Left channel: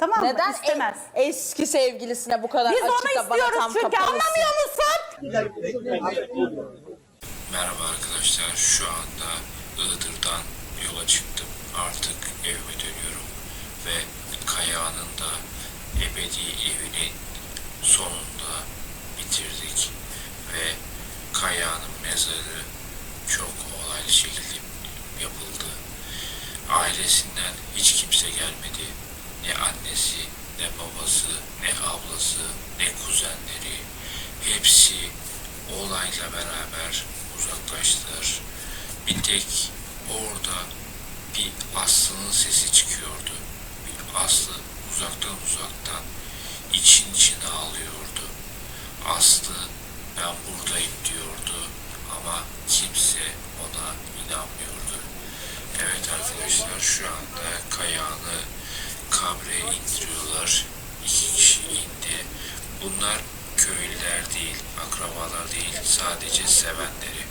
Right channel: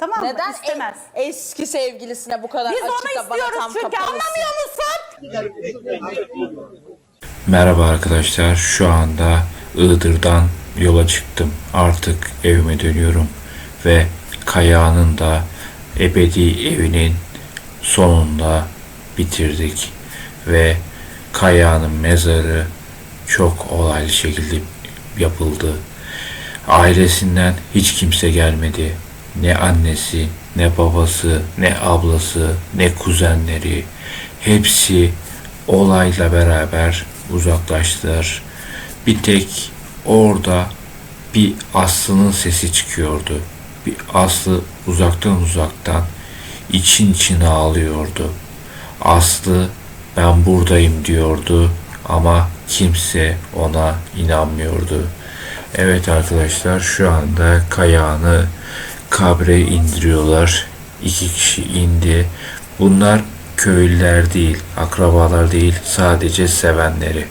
Tamam mı? Neden İstemez. e- eski sevgilisine bu kadar Biz açık onu da bana istiyoruz tam çünkü kapalısın? anlamıyor musun? Merhaba arkadaşlar. Şu anda Iğdır'dan yola çıktım. Artık evime dönüyorum ve Kaya'nın da ebedi evinin sonunda bitirdik ve Kaya'nın mezarı çok olaylı şekilde yapıldı. Ailesinden hiç kimse gelmedi. Ne annesi, ne babası, ne ablası, ne kuzenleri. Hepsi olayla beraber uzaklaştılar. Bir tek orada bir Aslı'nın sesi çıkıyordu. Bir Aslı uzaktan uzaktan için içine ağlıyordu. Aslı ben buradayım diyordu ama kimse ona inanmıyordu. Evet arkadaşlar şu anda kayağını kabre indiriyorlar. İki kişi indi. Bunlar köylüler değil, akrabalar değil, sadece sevenleri.